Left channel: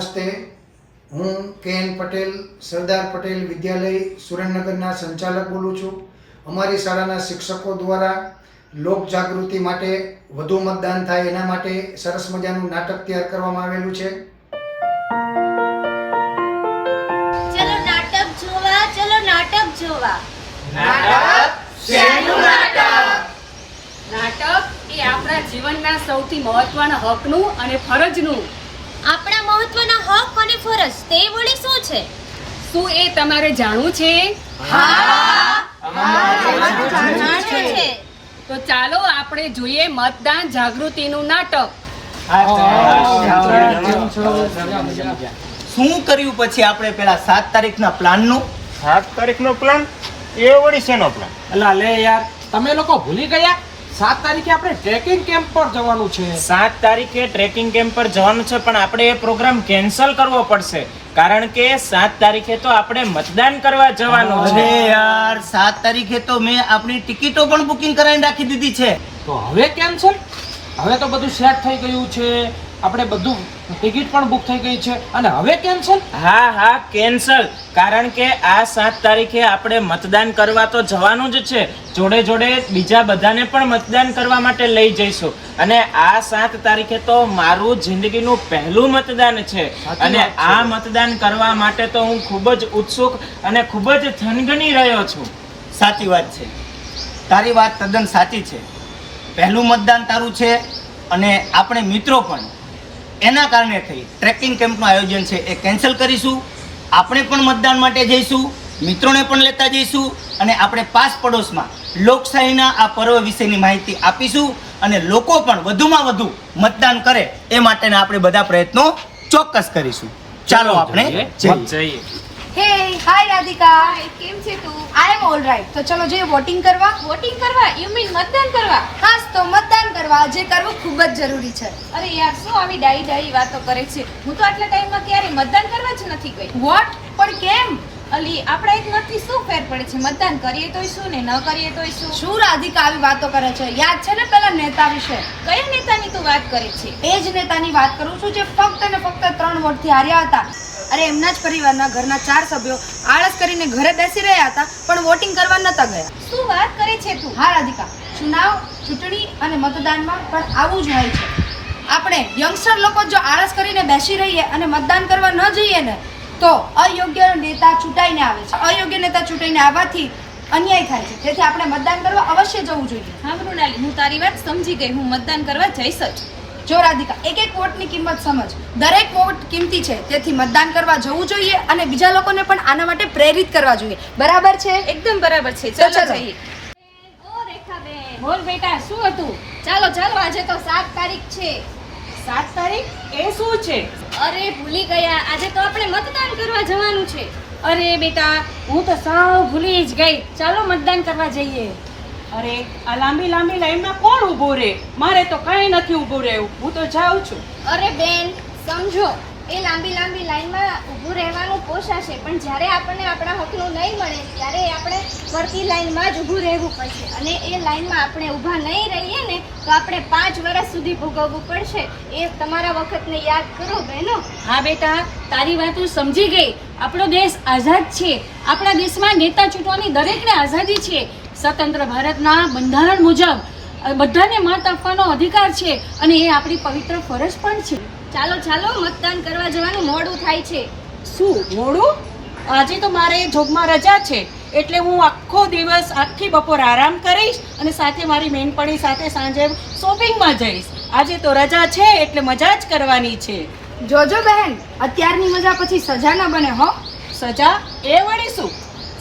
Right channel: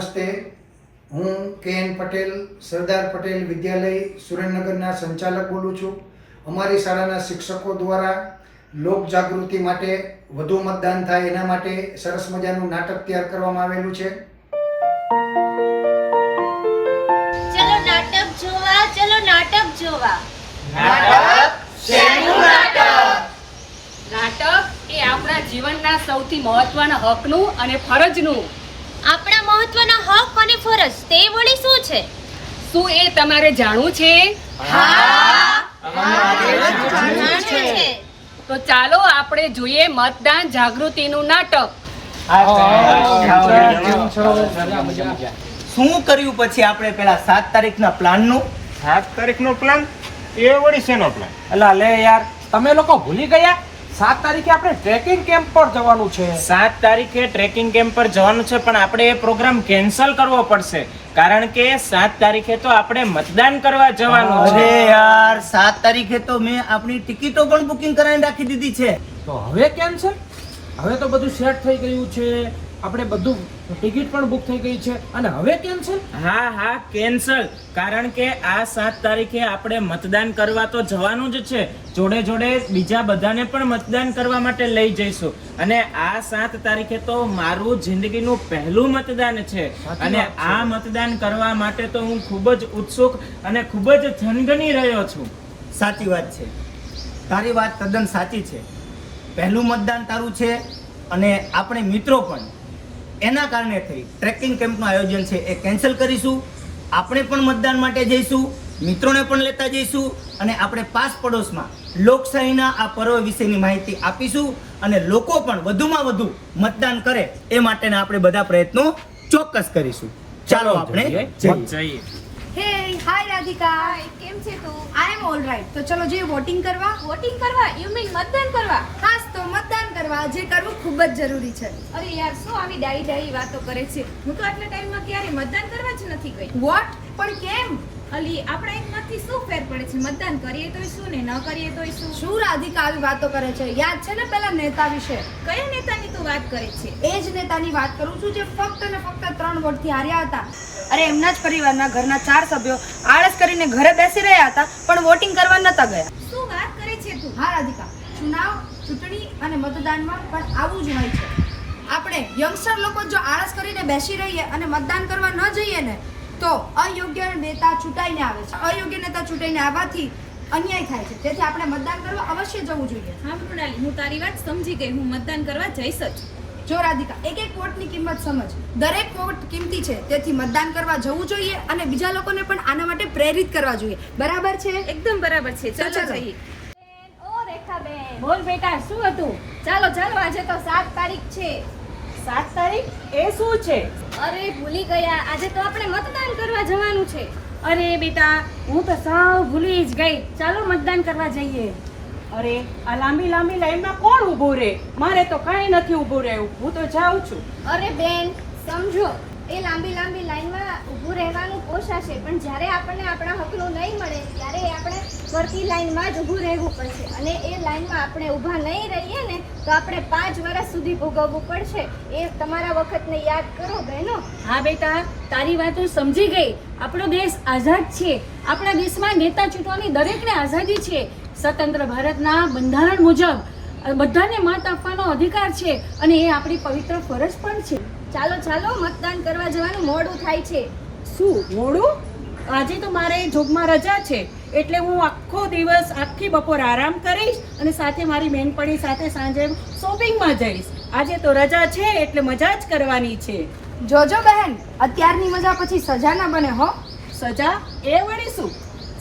નમસ્તે. હું કે.એન. પટેલ સરદાર પટેલ વિદ્યાલય સુરેન્દ્રનગરના સંચાલક બોલું છું. અમારી શાળાના શિક્ષકો દ્વારા લોક જાગૃતિ માટે વધુ મતદાન થાય એના માટે સરસ મજાનું નાટક તૈયાર કરવામાં આવેલું છે. ચલો નાટક જોવા, ચલો નાટક જોવા. નાટક એ આપણા જીવનના સૌથી મહત્વના હકનું અને ફરજનું. આપણા મહત્વના હક અને ફરજ તે વળી શું છે? શું એ તમારે જાણવું છે? તો ચાલો આપણે જોઈએ મતદાન જાગૃતિનું નાટક. શું કર્યું પછી આપણે પેલા 7 તારીખના પ્લાનનું? 7 તારીખનો પ્લાન? એ વળી શેનો પ્લાન? અલા લે યાર, તમે લોકો ભૂલી ગયા? 7 તારીખે આપણે ટ્રેકિંગ કેમ્પ પર જવાનું છે. 7 તારીખે ટ્રેકિંગ કેમ્પ પર જવાનું છે, પણ આપણે એ પ્રોગ્રામ કેન્સલ કરવો પડશે, કારણ કે 7 તારીખે તો આપણે મતદાન કરવા જવાનું અરે છે. યાર, 7 તારીખે તો મેં આપણી ટિકિટો પણ બુકિંગ કરાવીને રાખી દીધી છે. તો હવે કેન્સલ? હવે તો બધું સેટ થઈ ગયું છે, આપણે બધું ટિકિટ પણ બુક થઈ ગઈ છે, અને હવે કેન્સલ? હા કેન્સલ, કારણ કે આ 7 તારીખે આપણે મતદાન કરવા તો જવાનું જ છે, જોડે જોડે બીજા બધાને પણ મતદાન કરવા માટે લઈ જઈશું. અને આ 7 તારીખે તો મારું જિંદગીનું પહેલું મતદાન છે, અને આ મતદાન કરવા માટે તો હું ખૂબ જ ઉત્સુક અને ખૂબ જ થનગની રહ્યો છું. સાચી વાત છે, તારી વાત તદ્દન સાચી છે. પહેલું મતદાન તારું છે, અને આપણે મિત્રો પણ એના કારણે થઈ ટ્રેકિંગ કેમ્પનું આયોજન છે એ કેન્સલ કરીશું. આપણે પણ મતદાન માટે જઈશું, મિત્રોને પણ લેતા જઈશું, અને આપણે પાસ પડોશમાં લોકશાહીના આ પર્વ વિશેની માહિતી આપીશું, અને લોકો પણ વધુમાં વધુ મતદાન કરે એ માટેના આપણે બધા પ્રયત્નો ચોક્કસ કરીશું. ચાલો આપણે જઈએ. હે હાય રાધિકા, કેમ છે તું? આઈ એમ ઓલ રાઈટ. તો ચલો જઈએ વોટિંગ કરવા. વોટિંગ કરવા? યુ મીન મતદાન કરવા? હાસ, તો મતદાન કરવા જે કરવું ખૂબ જ જરૂરી છે. અરે યાર, શું આવી ડાઈ વાતો કરે છે? હું તો આટલા ટાઈમમાં ક્યારે મતદાન કરવા જ નથી ગઈ. વોટ? પણ કેમ? અલી, આપણા એક નથી શું ફેર પડે છે? મતદાન કરીએ તોય શું ને ન કરીએ તોય શું? શું રાધિકા આવી વાતો કરે છે? યાદ છે ને પેલા નેતા વિશે? કયા નેતાની તું વાત કરે છે? એ જ નેતાની વાત કરું છું જે ફક્ત અને ફક્ત 3 વોટથી હાર્યા હતા. અરે એમના જ પરિવારના ઘરના 4 સભ્યો આળસ કરીને ઘરે બેસી રહ્યા હતા, પણ વોટિંગ કરવા નતા ગયા. શું વાત કરે છે તું? હા રાધિકા, ચૂંટણી અને મતદાનમાં પણ આવું જ હોય છે. આપણે યંગસ્ટર લોકો જો આળસ કરીને બેસી રહીએ અને મતદાન કરવા ન જઈએ ને, તો અયોગ્ય નેતા ચૂંટાઈને આવે છે. અયોગ્ય નેતા ચૂંટાઈને આવવાથી અન્યાય થાય છે. તેથી આપણે મતદાન કરવા અવશ્ય જવું જોઈએ. હા મૃણાલી, હું તારી વાત સમજી ગઈ. હું મતદાન કરવા જઈશ જ. જો રાધિકા, એક વોટની કિંમત સમજ. દરેક વોટ કિંમતી છે, તેથી મતદાન કરવા જવું જોઈએ, અને બીજા લોકોને પણ આના માટે પ્રેરિત કરવા જોઈએ. બરાબર છે? એકદમ બરાબર છે. તો ચાલો ચલો. જઈએ. ઓ રેખાબેન, બોલ બેટા, શું હતું? ચાલો આજે તો 7 તારીખ છે. 7 તારીખ એ શું છે? અરે ભૂલી ગયા, આજે તો આપણે મતદાન કરવા જવાનું છે. અરે બેટા, હું તો સાવ ભૂલી જ ગઈ. ચાલો મતદાન કરવા જઈએ. અરે આ લાંબી લાઈનમાં કોણ ઊભું રહે? મારે તો કાંઈ નથી ઊભું રહેવું, હું તો જાઉં છું. અરે બેન, સમજો, એ લાંબી લાઈનમાં ઊભું રહેવાનું પોસાશે, પણ જ્યારે આપણને આપણા હકનું નહીં મળે ત્યારે આપણે ફરતી લાઈનમાં જ ઊભું રહેવું પડશે. અને એ લાઈનમાં આપણે ઊભા નહીં રહીએ ને તો આપણે 5 વર્ષ સુધી ભોગવવું પડશે. એ તમારા વખતને યાદ કરો બહેનો. હા બેટા, તારી વાત હું સમજી ગઈ. આપણો દેશ આઝાદ છે. આપણા દેશમાં નેતા ચૂંટવાની દરેકને આઝાદી છે. સ્વતંત્ર ભારતના બંધારણ મુજબ બધાને મત આપવાનો અધિકાર છે, અને એ આપણી પવિત્ર ફરજ પણ છે. ચાલો મતદાન કરવા જવાનું મોડું થાય છે. શું મોડું? આજે તો મારે જોબમાં રજા છે, એટલે હું આખો દિવસ આખી બપોર આરામ કરીશ, અને સાથે મારી બહેનપણી સાથે સાંજે શોપિંગમાં જઈશ. આજે તો રજા છે, એટલે મજા જ કરવાની છે. જોજો બહેન, અત્યારની મજા પછી સજા ના બને હો. સજા? એ વળી શું?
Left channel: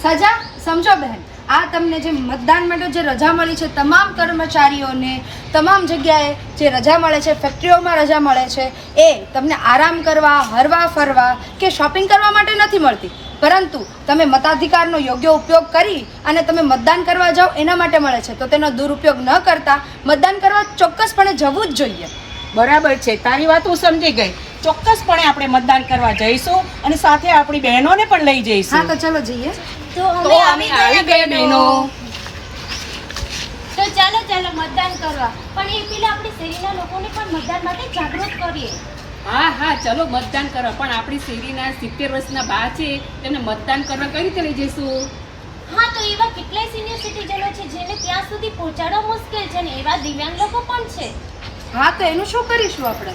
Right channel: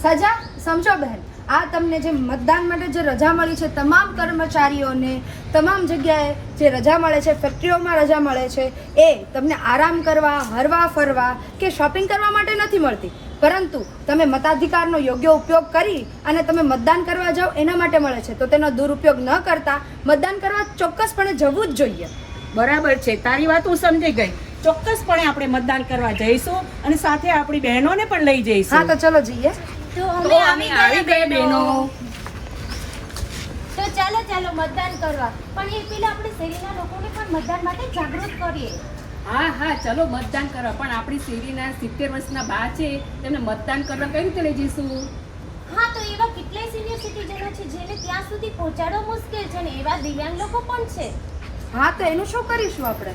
સજા સમજો બહેન, આ તમને જે મતદાન માટે જે રજા મળી છે, તમામ કર્મચારીઓને તમામ જગ્યાએ જે રજા મળે છે, ફેક્ટરીઓમાં રજા મળે છે, એ તમને આરામ કરવા, હરવા ફરવા કે શોપિંગ કરવા માટે નથી મળતી, પરંતુ તમે મતાધિકારનો યોગ્ય ઉપયોગ કરી અને તમે મતદાન કરવા જાઓ એના માટે મળે છે. તો તેનો દુરુપયોગ ન કરતા મતદાન કરવા ચોક્કસપણે જવું જ જોઈએ. બરાબર છે, તારી વાત હું સમજી ગઈ. ચોક્કસપણે આપણે મતદાન કરવા જઈશું, અને સાથે આપણી બહેનોને પણ લઈ જઈશું. હા, તો ચલો જઈએ. તો તો અમે આવી ગઈ બહેનો. તો ચાલો મતદાન કરવા. પણ એ પેલા આપણે શેરીના લોકોને પણ મતદાન માટે જાગૃત કરીએ. હા હા ચલો મતદાન કરવા, પણ આપણી શેરીના 70 વર્ષના બા છે તેમને મતદાન કરવા કઈ રીતે લઈ જઈશું? હા તો એવા કેટલાય સિનિયર સિટીઝનો છે જેને ત્યાં સુધી પહોંચાડવા મુશ્કેલ છે ને એવા દિવ્યાંગ લોકો પણ છે. હા તો એનું શું કરીશું આપણે?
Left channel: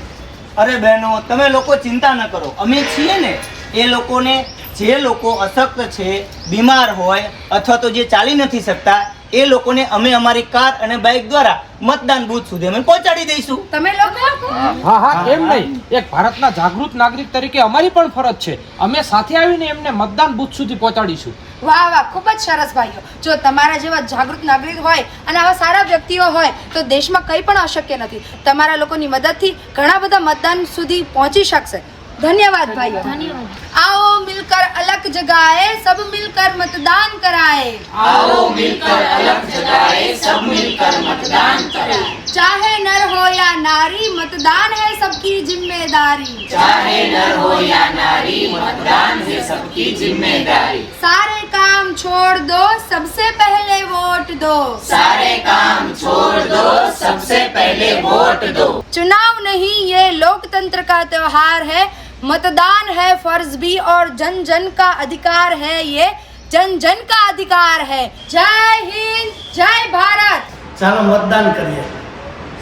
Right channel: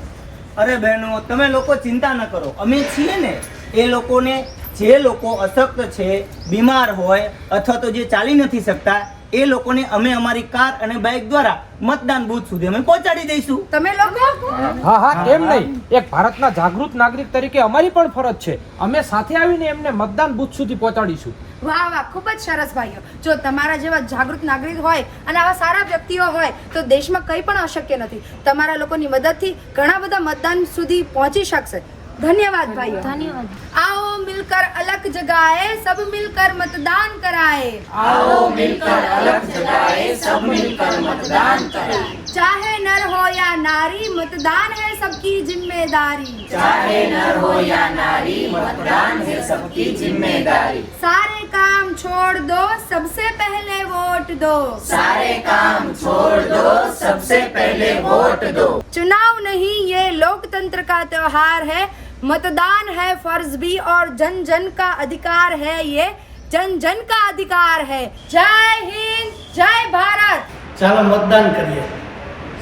અરે બહેનો, તમે લોકો ચિંતા ન કરો, અમે છીએ ને. એ લોકોને, જે લોકો અશક્ત છે, બીમાર હોય અથવા તો જે ચાલી નથી શકતા, એ લોકોને અમે અમારી કાર અને બાઇક દ્વારા મતદાન બૂથ સુધી અમે પહોંચાડી દઈશું. તમે લોકો હા હા એમ નહીં, એક ભારતના જાગૃત નાગરિક તરીકે અમારી પણ ફરજ છે. અમે સાથે આવીને એમને મતદાન બૂથ સુધી પહોંચાડીશું. વાહ વાહ, ખૂબ જ સરસ ભાઈઓ. જો તમારા જેવા જાગૃત નાગરિક હોય અને આવા સારા વ્યક્તિઓ હોય તો દેશમાં કંઈ પણ અશક્ય નથી. તમારા લોકોની મદદથી ઘણા બધા મતદાન સુધી પહોંચી શકશે. ધન્યવાદ ભાઈઓ. ધન્યવાદ. आओ मिलकर अलग जगाए, सब मिलकर मतदान कराए. आओ मिलकर अलग जगाए, सब मिलकर मतदान करें. चाहे नर हो या नारी, मतदान है सबकी जिम्मेदारी. चाहे नर हो या नारी, मतदान है सबकी जिम्मेदारी. सारे काम छोड़ दो, सबसे पहले वोट दो. सारे काम छोड़ दो, सबसे पहले वोट दो. चुनाव नहीं, ये लोकतंत्र का त्योहार है. मतदान है फर्ज भी और जन जन का अधिकार है. ये जन जन का अधिकार है. जय हिंद, जय भारत. ચાલો મતદાન કરીએ.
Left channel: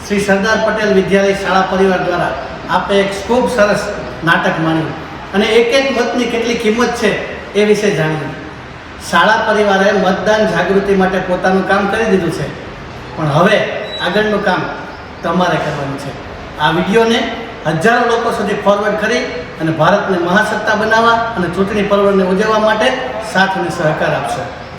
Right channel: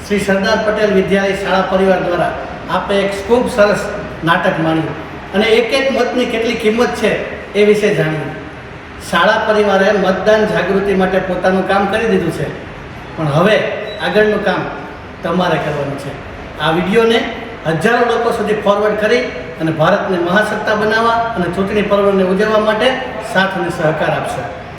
શ્રી સરદાર પટેલ વિદ્યાલય શાળા પરિવાર દ્વારા આપે એક ખૂબ સરસ નાટક માણ્યું અને એક એક મતની કેટલી કિંમત છે એ વિશે જાણ્યું. શાળા પરિવારે મતદાન જાગૃતિ માટે પોતાનું કામ કરી દીધું છે, પણ હવે આગળનું કામ તમારે કરવાનું છે. આ વિડીયોને હજારો લોકો સુધી ફોરવર્ડ કરી અને ભારતને મહાસત્તા બનાવવા અને ચૂંટણી પર્વને ઉજવવા માટે સાથ અને સહકાર આપશો.